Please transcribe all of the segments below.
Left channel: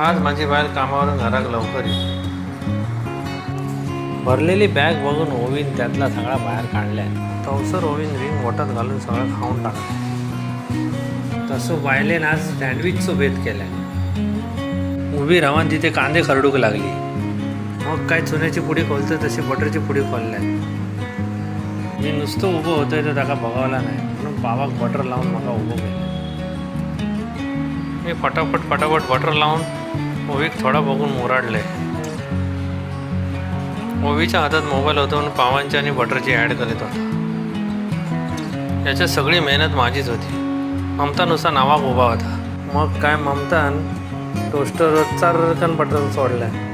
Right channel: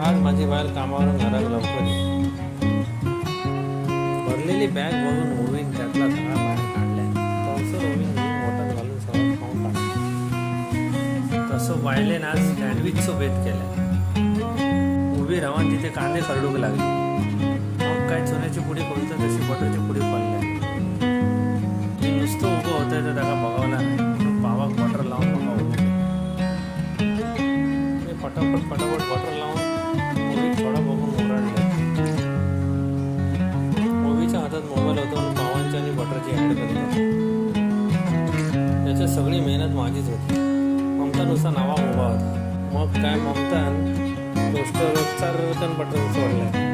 आज माझी बायल कामावरून घरात लवकर येईल. भरलेली बॅग बघून ओवीन त्यातला सगळा बाहेर काढल्या. तवसर ओवीन रिंग बोटात घालून सगळं खाऊन टाकलं. तसं बायलेन आज सँडविचचं बेत केलं. उभी राहून तिथे कांदे खरडूक लागली. मग काय चुन्याची पुडी खोलते तशी बटरची पुडी खोलल्या. मी नुसतं उभं होतोय तर त्याला बघावला नाही, म्हणून बाबाक बटर लावून मला उभं केलं. मी फटाफट बटर लावून ओवीक थोडा बघून मुराडले. ओवीच्या हातात मोबाईल होता म्हणून पावांची आणि बटरची ॲड करत होता. याच्यात सगळी मेहनत माझीच होती. ममता नुसता नावाक उभा होता. मग काय ममतान टोस्टरचा रकन बटन सोडलाय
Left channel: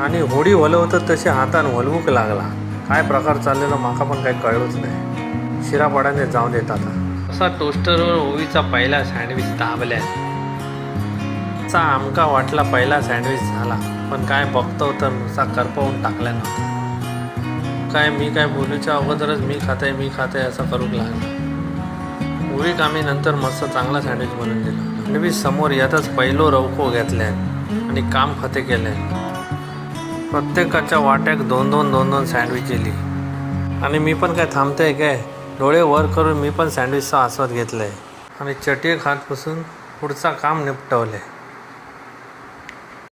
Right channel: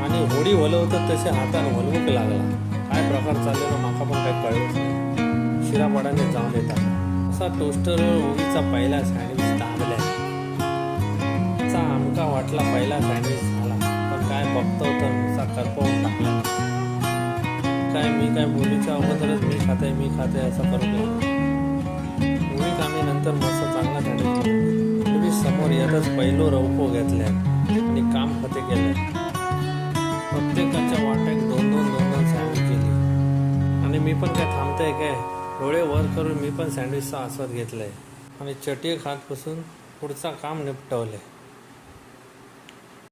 आणि होडी हलवतं तशी हातान हलवूक लागला. काय प्रकार चाललेला माका पण काही कळलंच नाही. शिरापाड्याने जाऊन येतात असा टोस्टरवर ओवीचा पहिला सँडविच दाबल्या. चा आमका वाटला पहिला सँडविच झाला, पण काय बघतो तर नुसता करपवून टाकला. मी काय बोलूच्या अगोदरच मी खाते असं करू लागला. ओवी आम्ही नंतर मस्त चांगला सँडविच बनवून दिला. सँडविच समोर यातच पहिलो रवको घेतल्या आणि काम खते केले. प्रत्येकाच्या वाट्याक दोन सँडविच केली आणि मी पण काय थांबतोय काय, डोळे वर करून मी पण सँडविचचा आस्वाद घेतलाय आणि चटई खात बसून पुढचा काम निपटवले.